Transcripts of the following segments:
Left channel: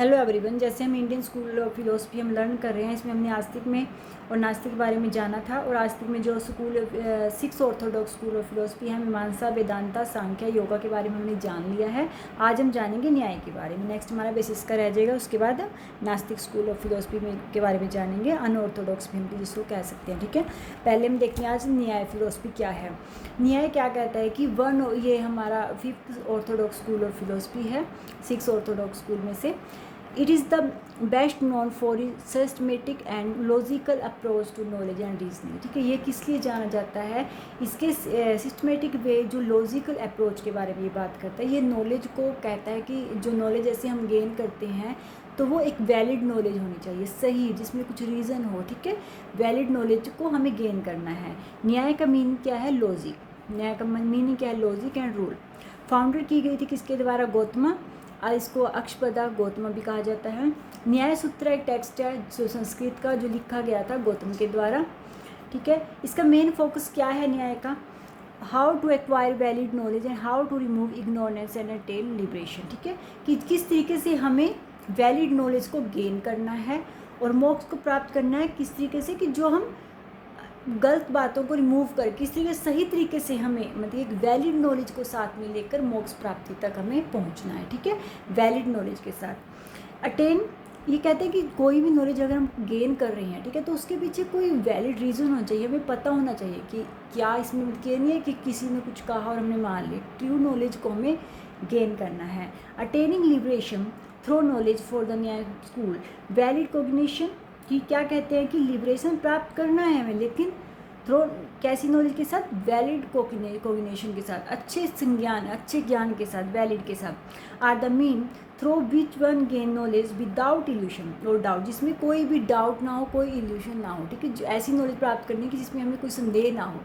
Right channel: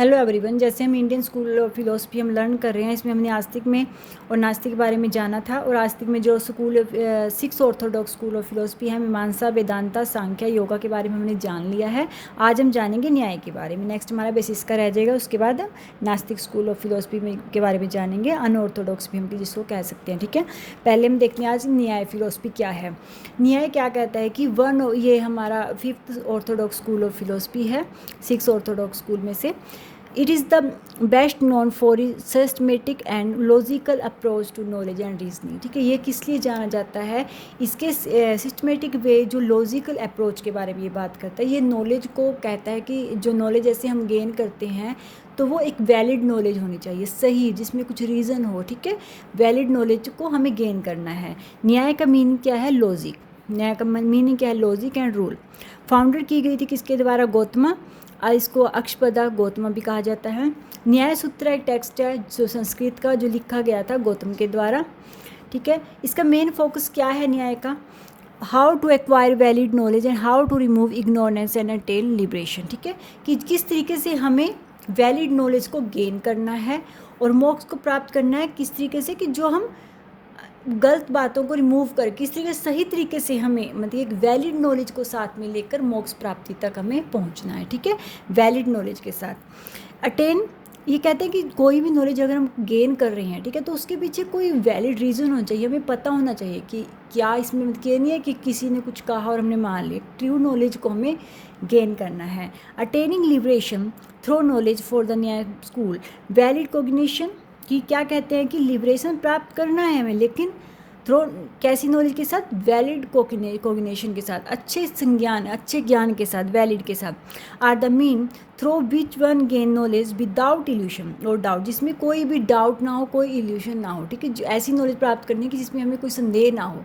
Hello everyone. जैसे हम Indian school of philosophy हम लर्न कर रहे हैं, इसमें हमने आस्तिक में और नास्तिक के बारे में जाना था। और आस्तिक में जो school six Orthodox school of philosophy है, मीमांसा, वेदांता, सांख्य, योगा के बारे में हमने जान लिया है। आज हम जानेंगे न्याय के बारे में। नेक्स्ट हमारा बेसिस का रह जाएगा। उसके बाद नास्तिक स्कूल ऑफ फिलोसफी में के बारे में जानेंगे, अनऑर्थोडॉक्स भी हम जिसको कह सकते हैं। ठीक है, पहले हम देखते हैं आज न्याय फिलोसफी क्या है। न्याय क्या कहता है कि ये हमारा fifth Orthodox school of philosophy है, सिक्स ऑर्थोडॉक्स स्कूल में से। It is the best known for its systematic and logical approach to knowledge and reasoning। ठीक है, ये किस लिए जाना जाता है? इसके सिस्टमेटिक वे, जो लॉजिकल अप्रोच के बारे में ये बात करता है। ये नॉलेज को कहता है कि जो नॉलेज ऐसे हम गेन करते हैं तो वो एक वैलिड नॉलेज होनी चाहिए, सही, जिसमें कुछ रीज़न हो। ठीक है, वैलिड नॉलेज को हमें गेन करना है। न्याय का मीनिंग क्या है? लॉजिक। न्याय का मीनिंग क्या है? Logic and rule. फाउंडर की गई थी किसके द्वारा? गौतमा। इसको अक्षपदा गौतम भी कहा जाता है। न्याय सूत्र एक टेक्स्ट है जो संस्कृत का, जो लिखा गया था गौतम के द्वारा। ठीक है, इसका मेन फोकस क्या है न्याय का? How to acquire valid knowledge and how to remove ignorance and attain liberation. ठीक है, कि किस तरीके से हमें वैलिड नॉलेज को गेन करना है और मोक्ष को प्राप्त करना है। किस तरीके से कि जो हम गलत बातों को रिमूव कर किस तरीके सही तरीके से हमें, मतलब एक वैलिड नॉलेज को साथ में लेकर मोक्ष प्राप्ति तक हमें पहुंचना है। ठीक है, वैलिड नॉलेज के साथ अटेन। ये कहते हैं कि कोई भी नॉलेज अगर हम गेन कर रहे हैं, ठीक है, तो उसके पीछे कोई वैलिड रीज़न होना चाहिए, हमें पता होना चाहिए कि क्या इसमें, मतलब ये नहीं है कि किसी ने कुछ कहा और हमने मान लिया। ट्रू नॉलेज को हमें गेन करना है। Attaining liberation through knowledge for the न्याय स्कूल। वैलिड कोग्निशन, कि क्या कहते हैं कि लिबरेशन प्राप्त करना है हमें, लेकिन थ्रो कैसी नॉलेज के साथ? वैलिड कोग्निशन के साथ, अच्छे संज्ञान, अच्छे ज्ञान के साथ, वैलिड के साथ। Are the mean through which one gain knowledge without illusion और डाउट, जिसमें कोई भी डाउट ना हो, कोई इल्यूशन ना हो। ठीक है, ऐसी नॉलेज प्राप्त करनी कि जिसमें हमें कोई संदेह ना हो।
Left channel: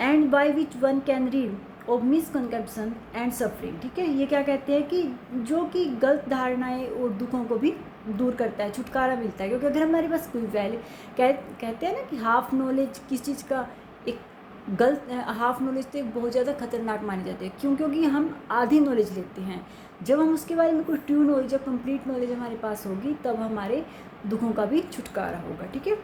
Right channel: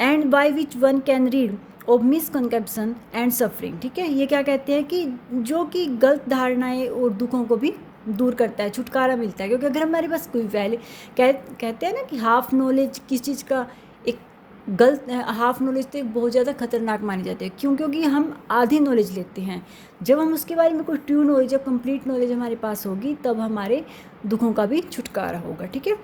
And by which one can read of misconception and suffering. ठीक है, ये क्या कहते हैं कि जो कि गलत धारणाएं और दुखों को भी दूर करता है, छुटकारा मिलता है। क्योंकि अगर हमारे पास कोई कहते हैं ना कि हाफ नॉलेज किस चीज़ का, एक गलत हाफ नॉलेज तो बहुत ज़्यादा खतरनाक मानी जाती है। क्यों? क्योंकि हम आधी नॉलेज लेते हैं। जब हम उसके बारे में कोई ट्रू नॉलेज या कंप्लीट नॉलेज हमारे पास होगी, तब हमारे दुखों का भी छुटकारा होगा। ठीक है,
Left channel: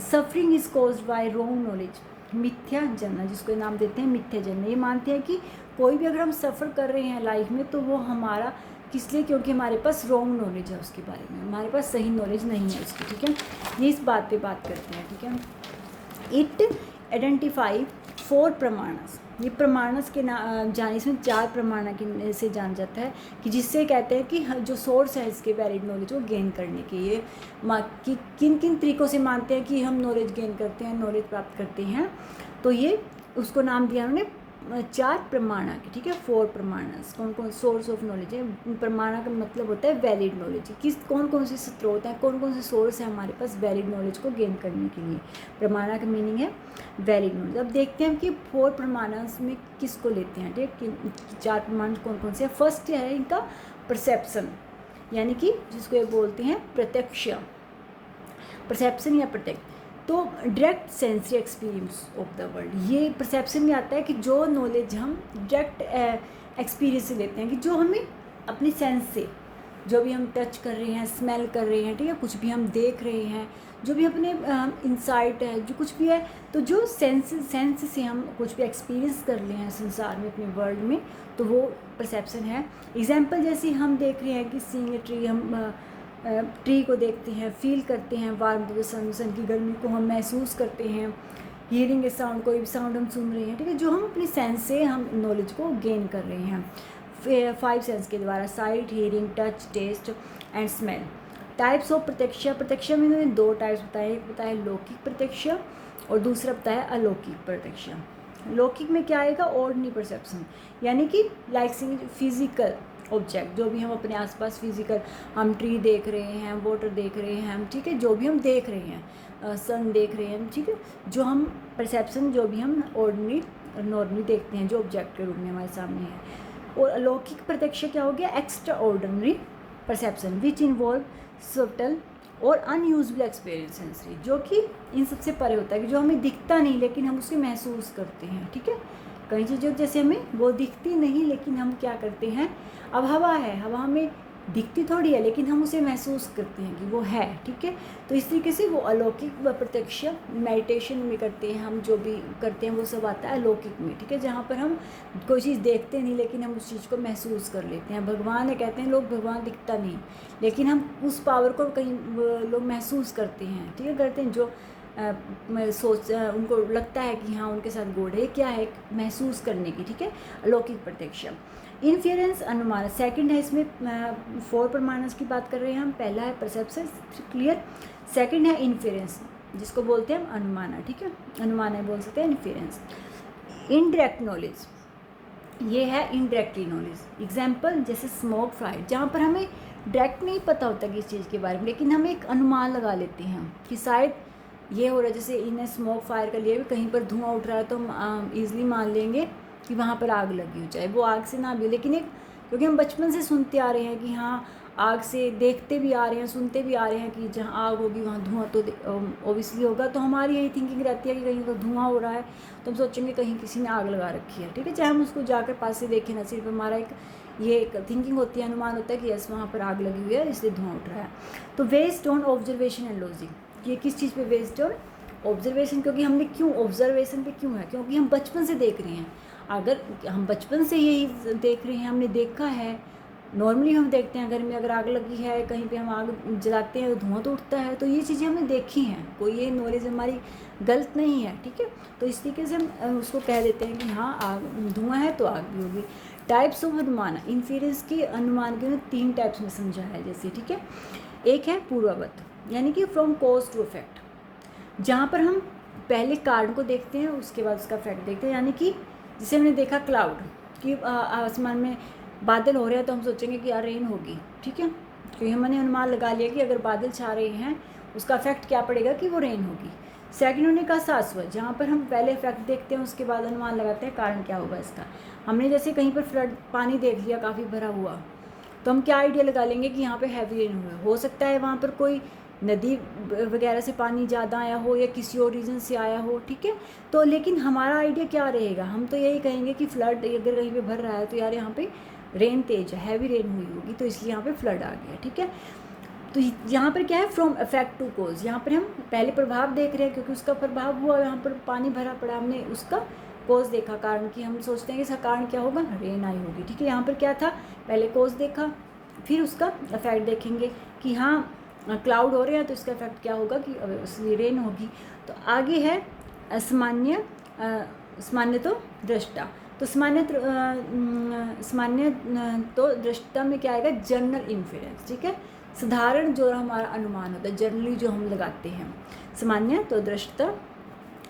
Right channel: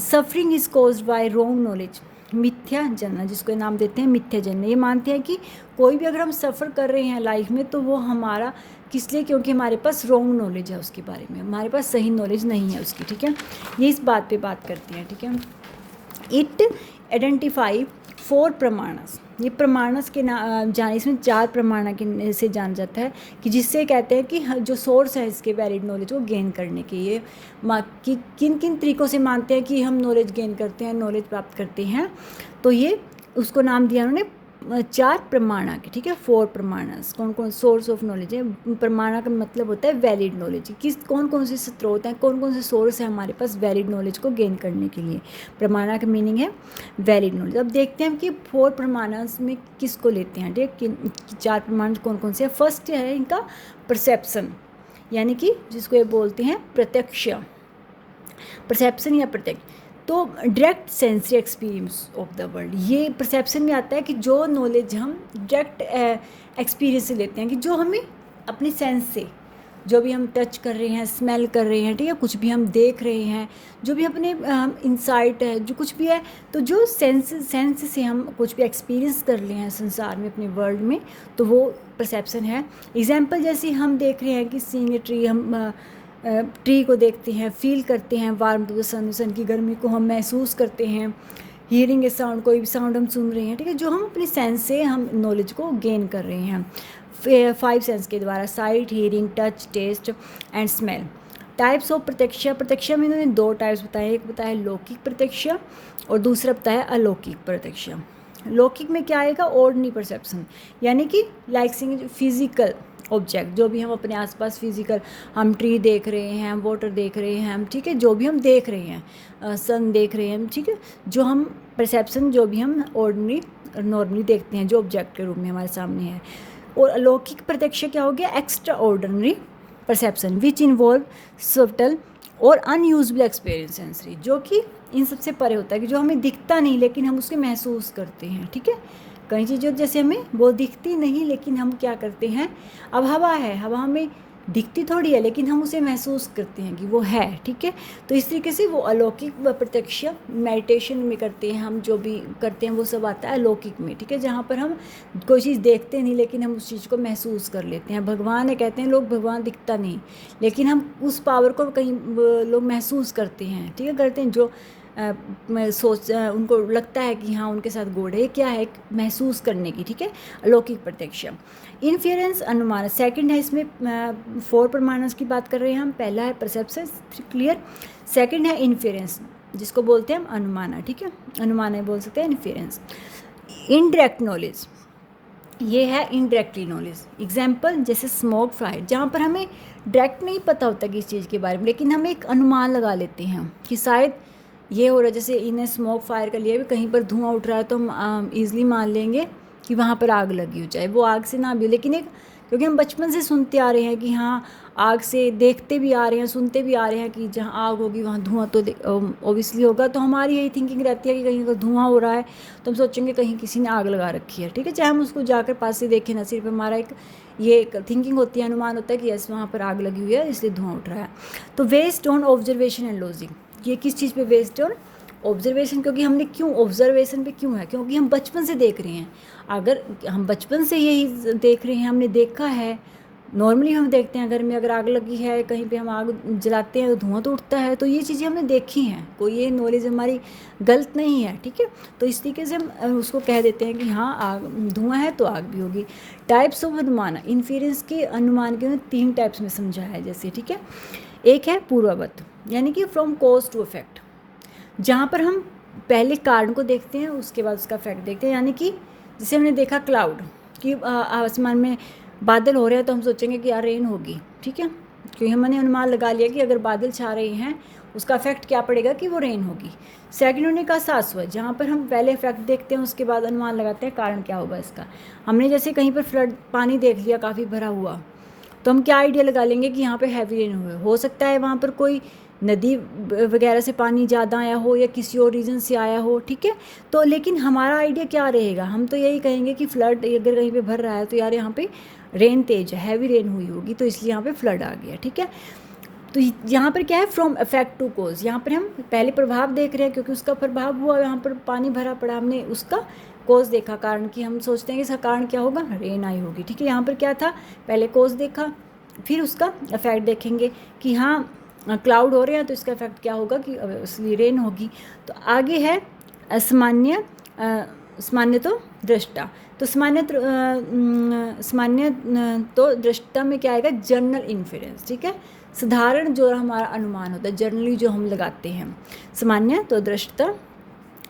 suffering is caused by wrong knowledge, मिथ्या जनना, जिसको नाम देते हैं मिथ्या जनना। ये मानते हैं कि कोई भी अगर हम सफ़र कर रहे हैं लाइफ में, तो वो हमारा किस लिए? क्योंकि हमारे पास रॉन्ग नॉलेज है उसके बारे में, हमारे पास सही नॉलेज नहीं है उसकी। ठीक है, ये इस बात पे बात करते हैं। ठीक है, इट आइडेंटिफाई 4 प्रमाणस। ये प्रमाणस के जाने, इसमें 4 प्रमाण के से जान जाता है कि जिससे कहते हैं कि जो सोर्स है इसके वैलिड नॉलेज को गेन करने के, ये कि किन किन तरीक़ों से मानते हैं कि हम नॉलेज गेन करते हैं, नॉलेज प्राप्त करते हैं। तो ये उसको नाम दिया उन्होंने 4 प्रमाणा के। ठीक है, 4 प्रमाणस। कौन कौन सोर्स ऑफ नॉलेज है? प्रमाणा का मतलब होता है वैलिड नॉलेज। किस कौन कौन से स्रोत हैं, कौन कौन से सोर्स है हमारे पास वैलिड नॉलेज को गेन करने के लिए? प्रमाणा का मीनिंग है वैलिड नॉलेज। अब देखते हैं कि 4 प्रमाणस में किसको लेते हैं। ठीक है, 4 प्रमाण कौन कौन से हैं? फर्स्ट है इनका परसेप्शन, यानी कि जिसको ये बोलते हैं प्रत्यक्ष, परसेप्शन या प्रत्यक्ष। तो direct sensory experience of the world, ये परसेप्शन में आता है कि जो नॉलेज हम डायरेक्ट एक्सपीरियंस से लेते हैं, कि जो हमें अपने सेंस से, जो भी हम टच कर रहे हैं, स्मेल कर रहे हैं, ठीक है, कुछ भी हम देख रहे हैं, जो भी अपने इंसाइट है, जो कुछ भी है, तो जो सेंस से हम कुछ भी एक्सपीरियंस कर रहे हैं संसार में, अपने वर्ल्ड में, तो वो परसेप्शन है। एग्जाम्पल जैसे हम देख रहे हैं कि सीइंग ए ट्री, हम ट्री को देखते हैं, फील करते हैं, वार्म टू द सन की गर्मी को हम महसूस करते हैं। हियरिंग ए साउंड, कोई भी साउंड हम सुन रहे हैं, ठीक है, जो हम अपने सेंस से हम नॉलेज को गेन कर रहे हैं 5 सेंस के द्वारा, sight, hearing, touch, taste and smell. Types of प्रत्यक्ष। प्रत्यक्ष में इन्होंने 2 टाइप्स बताए, एक बताया लौकिक प्रत्यक्ष और दूसरा बताया अलौकिक प्रत्यक्ष। लौकिक में क्या आएगा? ऑर्डिनरी परसेप्शन, यानी कि लाइक फिजिकल ऑब्जेक्ट, जो भी हम अपने आसपास फिजिकल, हम ट्री देख रहे हैं, हम वाटर देख रहे हैं, हम, ठीक है, जो भी हम देख रहे हैं, सन देख रहे हैं, ठीक है, जो हम परसेप्शन, जो भी हम ऑर्डिनरी नॉर्मली देखते हैं, जो ऑब्जेक्ट के रूप में हमारे सामने है। और अलौकिक प्रत्यक्ष क्या हो गया? Extra ordinary perception which involve subtle और अनयूजबल एक्सपीरियंस सेंसरी, जो कि इन सबसे परे होता है, कि जो हमें दिखता नहीं लेकिन हम उसके महसूस करते हैं। ठीक है, कई चीज़ें जैसे हमें वो दिखती नहीं, लेकिन हम क्या करते हैं? अब हवा है, हवा हमें दिखती थोड़ी है लेकिन हम उसे महसूस करते हैं कि वो है, ठीक है। तो इस तरीके से वो अलौकिक व प्रत्यक्ष मेडिटेशन में करते हैं, हम जो भी करते हैं वो सब आता है अलौकिक में, ठीक है, जहाँ पर हम कोई चीज़ देखते नहीं लेकिन हम उस चीज़ को महसूस कर लेते हैं। भगवान है, कहते हैं लोग भगवान दिखता नहीं लेकिन हम उस पावर को कहीं लोग महसूस करते हैं, ठीक है, करते हैं। जो उनको लगता है कि हाँ उनके साथ गॉड है, क्या है, महसूस करने की, ठीक है, अलौकिक प्रत्यक्ष। इन्फेरेंस अनुमान, सेकंड है इसमें 4 प्रमाणस की बात कर रहे हैं हम। पहला है परसेप्शन, क्लियर। सेकंड है इन्फेरेंस, जिसको बोलते हैं हम अनुमान, ठीक है, अनुमान है बोल सकते हैं इन्फेरेंस। इनडायरेक्ट नॉलेज, ये है इनडायरेक्टली नॉलेज। एग्जाम्पल जैसे स्मोक फायर, जहाँ पर हमें डायरेक्ट नहीं पता होता किस चीज़ के बारे में लेकिन हम एक अनुमान लगा लेते हैं कि शायद ये हो रहा है। जैसे इन्हें स्मोक फायर का लिया, कहीं पर धुआं उठ रहा है तो हम ईज़िली मान लेंगे कि वहाँ पर आग लगी हो, चाहे वो आग से ना भी, लेकिन एक क्योंकि हम बचपन से सुनते आ रहे हैं कि हाँ आग से, देखते भी आ रहे हैं, सुनते भी आ रहे हैं कि जहाँ आग होगी वहाँ धुआं तो ओबियसली होगा, तो हमारी यही थिंकिंग रहती है कि कहीं अगर धुआं हो रहा है तो हम सोचेंगे कहीं किसी ने आग लगा रखी है, ठीक है, चाहे हम उसको जाकर पास से देखें ना, सिर्फ हमारा एक थिंकिंग होती है, अनुमान होता है कि यस वहाँ पर आग लगी हुई है इसलिए धुआं उठ रहा है। तो based on observation and logic, ये किस चीज़ पे वेस्ड ऑन ऑब्जर्वेशन, क्योंकि हमने क्यों ऑब्जर्वेशन पे क्यों है, क्योंकि हम बचपन से देख रहे हैं। अगर हम बचपन से यही देख रहे हैं, हमने देखा है, नॉर्मली हम देखते हैं घर में अगर आग लगी है कहीं पे हम आग जलाते हैं तो धुआं तो उठता है, तो ये चीज़ें हमने देखी हैं, कोई ये नॉलेज हमारी गलत नहीं है, ठीक है। तो इस तरीके से हम उसको कह देते हैं कि हाँ आग, धुआं है तो आग भी होगी। टाइप्स ऑफ अनुमान, इन्फेरेंस के अनुमान के 3 टाइप्स में समझा है जैसे, ठीक है। एक है पूर्ववत, यानी कि फ्रॉम कॉज टू इफेक्ट, जहाँ पर हम पहले कारण को देखते हैं उसके बाद उसका इफेक्ट देखते हैं। यानी कि जैसे हमने देखा क्लाउड कि आसमान में बादल हो रहे हैं तो हम सोचेंगे कि यार रेन होगी, ठीक है, क्योंकि हमने अनुमान लगा लिया कि अगर बादल छा रहे हैं उसका इफेक्ट क्या पड़ेगा कि वो रेन होगी। सेकंड होने का शाश्वत, जहाँ पर हम पहले इफेक्ट देखते हैं उसके बाद अनुमान लगाते हैं कारण क्या होगा इसका। हमने जैसे कहीं पर फ्लड, पानी देख लिया काफ़ी भरा हुआ, तो हम क्या आइडिया लगा लेंगे कि यहाँ पे हैवी रेन हो सकता है वहाँ पर कोई नदी वगैरह से पानी ज़्यादा आया हो या किसी और रीज़न से आया हो, ठीक है। तो लेकिन हमारा आइडिया क्या रहेगा, हम तो यही कहेंगे कि फ्लड अगर कहीं पे भर रहा है तो यार यहाँ पे रेन तेज है, हैवी रेन हुई होगी तो इसलिए यहाँ पे फ्लड आ गया, ठीक है। तो यहाँ पर क्या है, फ्रॉम इफेक्ट टू कोज, यहाँ पर हम पहले प्रभाव देख रहे हैं क्योंकि उसका प्रभाव हुआ, यहाँ पर पानी भरा पड़ा, हमने उसका कोज देखा कारण की, हम सोचते हैं कि इसका कारण क्या होगा, रेन आई होगी, ठीक है। यहाँ पर क्या था, पहले कोज देखा फिर उसका इफेक्ट देखेंगे कि हाँ क्लाउड हो रहे हैं तो इसका इफेक्ट क्या होगा कि उसकी रेन होगी। तो आगे है सामान्य तो दृष्टा, तो सामान्य तो दृष्टा में क्या आएगा, जनरल इन्फेरेंस, ठीक है, साधारण जो हमारा अनुमान होता है, जनरली जो हम लगाते हैं, सामान्य तो दृष्टा।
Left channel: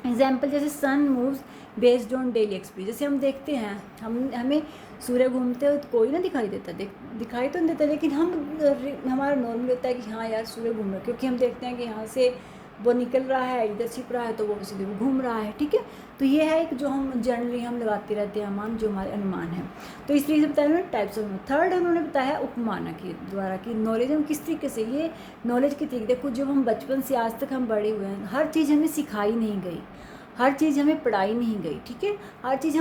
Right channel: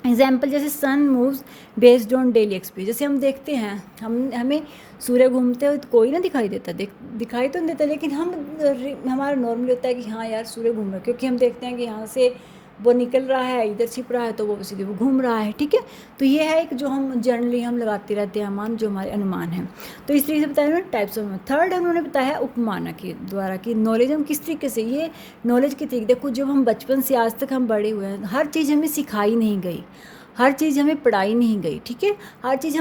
एग्जाम्पल जैसे sun moves based on daily experience, जैसे हम देखते हैं हमें सूर्य घूमते हुए तो कोई ना दिखाई देता, दिखाई तो नहीं देता, लेकिन हमारा नॉर्मल होता है कि हाँ यार सूर्य घूम रहा है, क्योंकि हम देखते हैं कि यहाँ से वो निकल रहा है, इधर छिप रहा है तो वो सीधे वो घूम रहा है, ठीक है। तो ये है एक जो हम जनरली हम लगाते रहते हैं अनुमान, जो हमारे अनुमान हैं। तो इस तरीके से बताया उन्होंने टाइप्स ऑफ। थर्ड उन्होंने बताया उपमाना के द्वारा कि नॉलेज हम किस तरीके से, ये नॉलेज की तरीके, देखो जब हम बचपन से आज तक हम बड़े हुए हैं, हर चीज़ हमें सिखाई नहीं गई, हर चीज़ हमें पढ़ाई नहीं गई, ठीक है, हर चीज़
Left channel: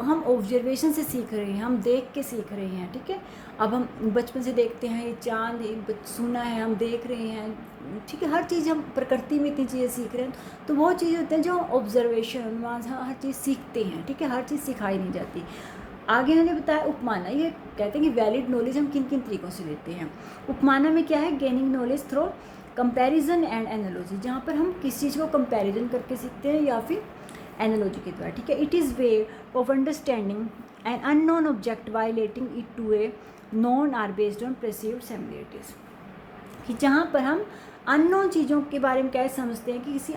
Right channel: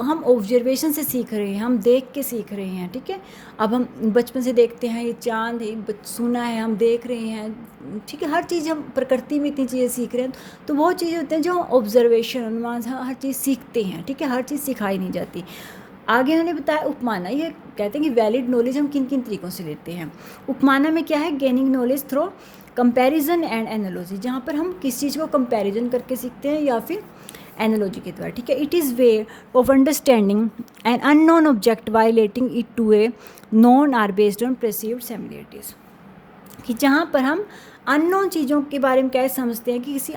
हम ऑब्जर्वेशन से सीख रहे हैं, हम देख के सीख रहे हैं, ठीक है। अब हम बचपन से देखते हैं, ये चांद है सुना है, हम देख रहे हैं, ठीक है, हर चीज़ हम प्रकृति में इतनी चीज़ें सीख रहे हैं, तो वो चीज़ें होते हैं जो ऑब्जर्वेशन अनुमान हर चीज़ सीखते हैं, ठीक है, हर चीज़ सिखाई नहीं जाती। आगे उन्होंने बताया उपमाना, ये कहते हैं कि वैलिड नॉलेज हम किन किन तरीक़ों से लेते हैं। उपमाना में क्या है, gaining knowledge through comparison and analogy, जहाँ पर हम किस चीज़ को कंपैरिजन करके सीखते हैं या फिर एनालॉजी के द्वारा, ठीक है। It is way of understanding an unknown object violating it to a known are based on perceived similarities, कि जहाँ पर हम अननोन चीज़ों के बारे में क्या समझते हैं कि किसी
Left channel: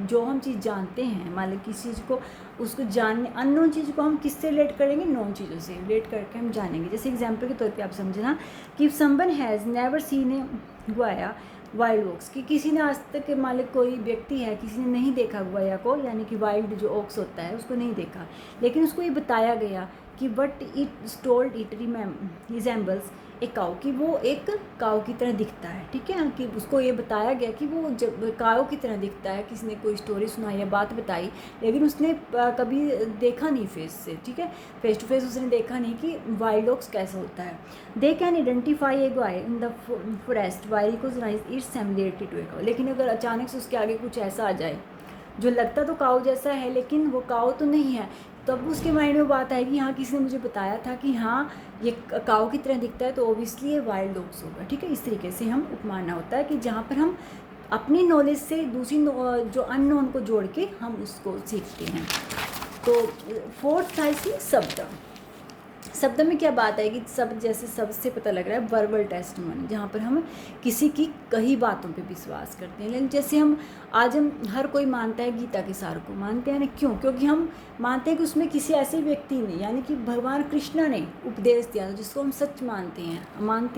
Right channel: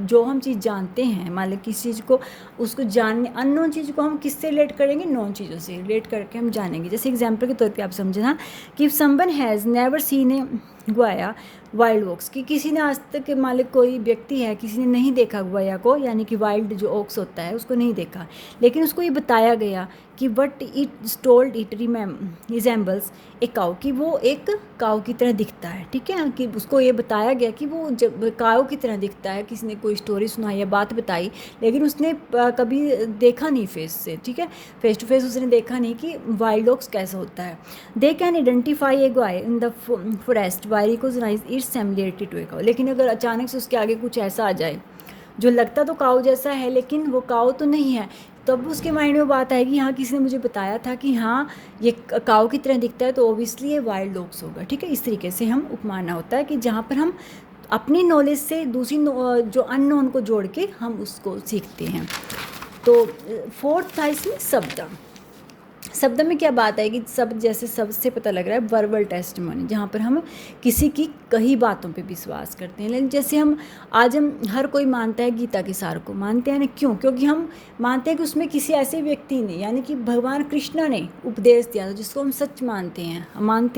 जो हम चीज़ जानते हैं, मान लो किसी चीज़ को उसको जानने, अननोन चीज़ को हम किससे रिलेट करेंगे, नॉन चीज़ों से रिलेट करके हम जानेंगे। जैसे एग्जांपल के तौर पे आप समझना कि if someone has never seen a गुआया वाइल्ड ओक्स, कि किसी ने आज तक मान लो कोई व्यक्ति है किसी ने नहीं देखा गुआया को, यानी कि वाइल्ड जो ओक्स होता है उसको नहीं देखा, लेकिन उसको ये बताया गया कि what it told it resembles a cow, कि वो एक काऊ की तरह दिखता है, ठीक है, कि उसको ये बताया गया कि वो जब काऊ की तरह दिखता है। किसी ने कोई स्टोरी सुनाई या बात बताई, लेकिन उसने कभी देखा नहीं फेस से, ठीक है, फेस टू फेस उसने देखा नहीं कि वाइल्ड डॉग्स कैसा होता है। They can identify a wire in the forest why recognise its similarity to a cow. लेकिन अगर अचानक से उसके आगे कुछ ऐसा आ जाए जो लगता तो काऊ जैसा है लेकिन वो काऊ तो नहीं है, तब उसके माइंड में बात आएगी हाँ किसी ने मुझे बताया था कि हाँ ये काऊ की तरह दिखता है, तो ओबियसली ये वाइल्ड डॉग्स होगा, ठीक है। इस तरीके से हम उपमाना होता है कि जहाँ पर हम अपनी नॉलेज से दूसरी जो अननोन को जोड़ के हम उसको सीखते हैं। तो फोर्थ था इसमें शब्द। शब्द में क्या बात आएगी, शब्द जैसे शब्द से पता लग रहा है वर्बल टेस्टिमोनी, जहाँ पर हम किसी की कही बातों पे विश्वास करते हैं। लेकिन जैसे हम हर कोई मानता है गीता के सार को, मानते हैं ना, क्यों? क्योंकि हम मानते हैं कि उसमें किसी ऐसे व्यक्ति ने यानी कि भगवान कृष्ण ने उपदेश दिया था जिसको हम सच मानते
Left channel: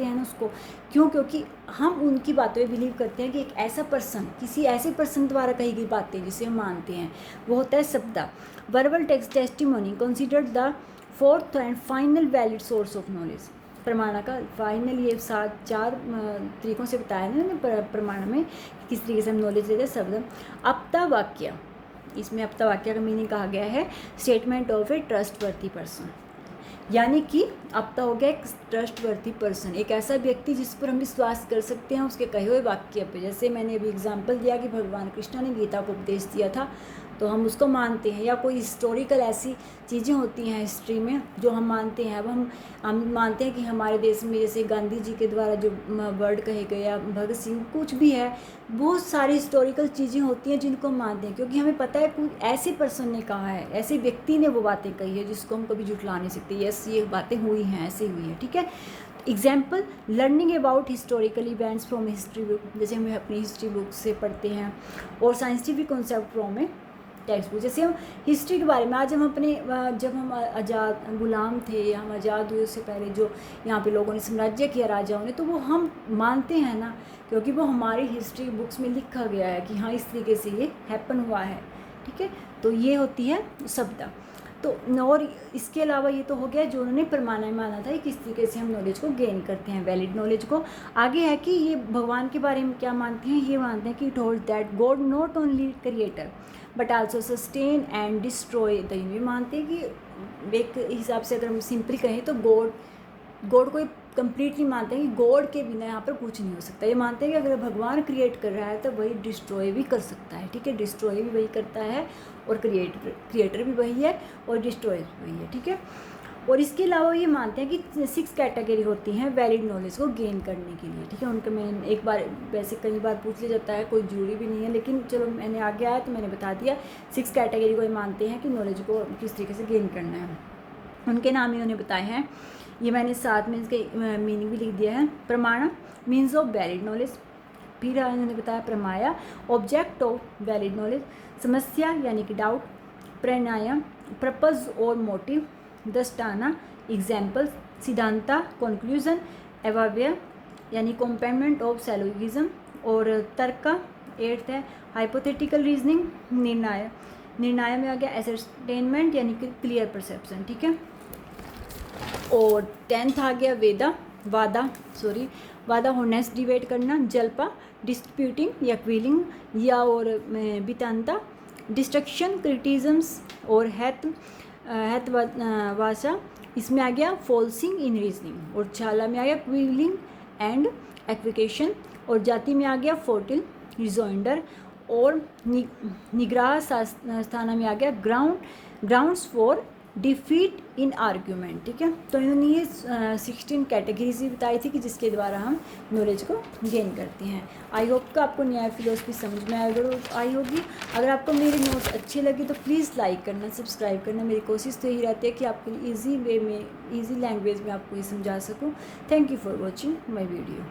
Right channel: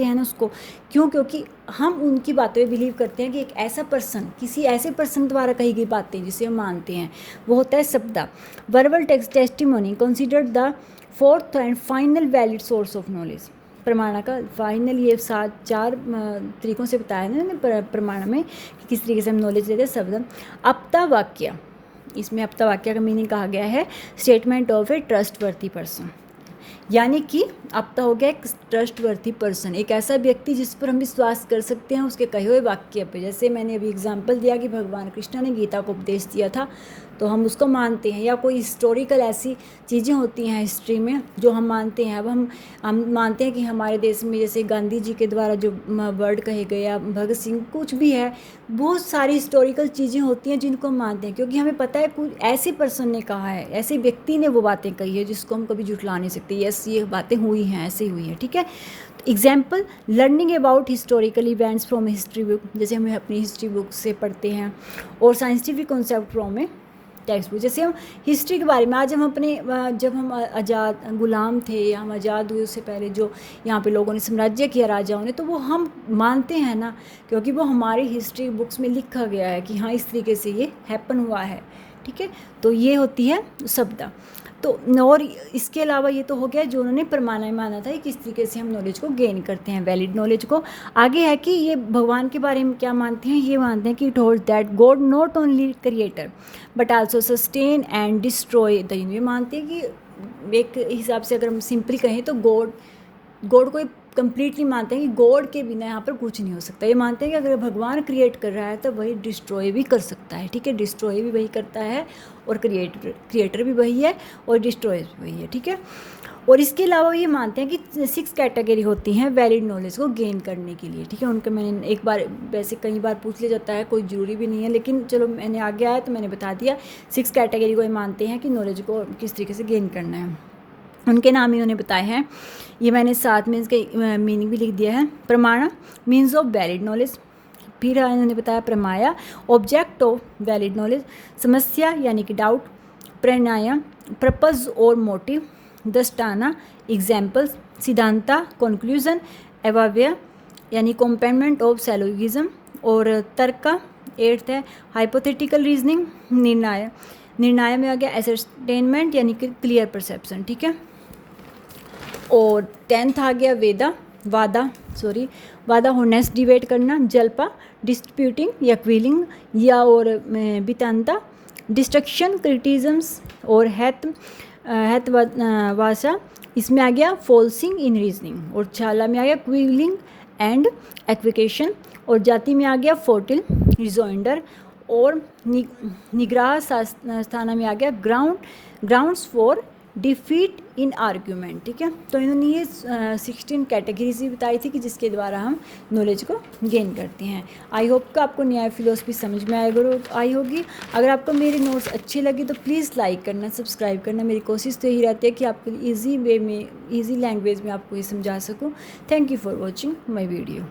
हैं ना उसको। क्यों? क्योंकि हम उनकी बातों में बिलीव करते हैं कि एक ऐसा पर्सन, किसी ऐसे पर्सन द्वारा कही गई बातें जिसे हम मानते हैं, वो होता है शब्द। Verbal testimony considered the fourth and final valid source of knowledge. प्रमाण का फाइनल ये 4 तरीकों से बताया ना प्रमाण में कि किस तरीके से हम नॉलेज लेते हैं। शब्द अपता वाक्य, इसमें अपता वाक्य का मीनिंग कहा गया है statement of A trustworthy person, यानी कि अपता हो गया एक ट्रस्टवर्थी पर्सन, एक ऐसा व्यक्ति जिस पर हम विश्वास कर सकते हैं उसके कहे हुए वाक्य पे। जैसे मैंने अभी एग्जांपल दिया कि भगवान कृष्ण ने गीता को उपदेश दिया था तो हम उसको मानते हैं, या कोई हिस्टोरिकल ऐसी चीज़ें होती हैं हिस्ट्री में जो हम मानते हैं। अब हम मानते हैं कि हमारे देश में जैसे गांधी जी के द्वारा जो वर्ड कहे गए या भगत सिंह, कुछ भी है, बहुत सारी हिस्टोरिकल चीज़ें होती हैं जिनको हम मानते हैं क्योंकि हमें पता है कोई ऐसे पर्सन ने कहा है, ऐसे व्यक्ति ने वो बातें कही है जिसको हम कभी झुठला नहीं सकते। यस, ये बातें हुई हैं, ऐसे हुई है, ठीक है। Example, learning about historical events from history book, जैसे हमें अपनी हिस्ट्री बुक से पढ़ते हैं, और scientific concept from A text book. जैसे हम हिस्ट्री के बारे में आज हम जब हम आज़ाद गुलाम थे, हम आज़ाद हुए, उससे पहले जो यहाँ पे लोगों ने साम्राज्य किया राजाओं ने, तो वो हम मानते हैं ना, क्योंकि वो हमारी हिस्ट्री बुक्स में लिखा गया है कि हाँ इस तरीके से ये हैपन हुआ है, ठीक है। तो ये होती है शब्द। तो और इसके अलावा ये तो हो गया जो उन्होंने प्रमाण में माना था कि किस तरीके से हम नॉलेज को गेन करते हैं, वैलिड नॉलेज को। आगे है कि ये भगवान के बारे में क्या मानते हैं, ये मानते हैं कि it hold that God not only creator but also sustain and destroy the universe. ये मानते हैं कि एक हिसाब से अगर हम सिंपली कहें तो गॉड को कंप्लीटली मानते हैं कि गॉड के बिना यहाँ पर कुछ नहीं हो सकता। ये मानते हैं कि अगर भगवान क्रिएट कर रहा है तो वही डिस्ट्रॉय भी कर सकता है, ठीक है। डिस्ट्रॉय भी वही करता है और क्रिएटर भी वही है और डिस्ट्रॉय भी वही है, ठीक है। और इसके अलावा ये मानते हैं कि 6 कैटेगरी होती हैं वैलिड नॉलेज को गेन करने के लिए, ठीक है। उनका मैंने एक बार, वैसे कई बार पूछ लिया जाता है, कोई ज़रूरी भी नहीं है, लेकिन चलो मैंने आगे आया तो मैंने बता दिया। 6 कैटेगरी को ये मानते हैं कि नॉलेज को किस तरीके से गेन करना है, उनके नाम इन्होंने बताए हैं। ये मैंने साथ में इसके मीनिंग भी लिख दिया है। प्रमाण मीन्स ऑफ वैलिड नॉलेज, फिर इन्होंने बताया प्रमाया ऑब्जेक्ट ऑफ वैलिड नॉलेज, समस्या यानी कि डाउट, प्रणय पर्पज और मोटिव, दृष्टाना एग्जाम्पल्स, सिद्धांता कंक्लूजन, एवाव्य यानी कॉम्पेंडमेंट ऑफ सैलोगिज्म, और तर्क 8th है हाइपोथेटिकल रीजनिंग, निर्णय में आ गया एसर्टेनमेंट यानी कि क्लियर परसेप्शन, ठीक है। और 10th आ गया वादा होनेस्ट डिबेट करना, जल्पा डिस्प्यूटिंग या क्विलिंग या और बितांता डिस्ट्रक्शन क्रिटिज्म्स, और वासा इसमें आ गया फॉल्सिंग इन रीजनिंग, और छाला में आ गया क्विलिंग एंड एक्विकेशन, और जाति में आ गया फोर्टिल रिजोइंडर, और निग्रह स्थाना में आ गया grounds for defeat in argument, ठीक है। तो इन्होंने ये 16 कैटेगरीज भी बताई थी कि जिसके द्वारा हम नॉलेज को गेन करते हैं। आई होप कि आपको न्याय फिलोसफी समझ में आई होगी। अगर आपको मेरे नोट्स अच्छे लगे तो प्लीज़ लाइक करना, सब्सक्राइब करना। मेरी कोशिश तो यही रहती है कि आपके लिए ईजी वे में, ईजी लैंग्वेज में आपको ये समझा सकूँ। Thank you for watching my video.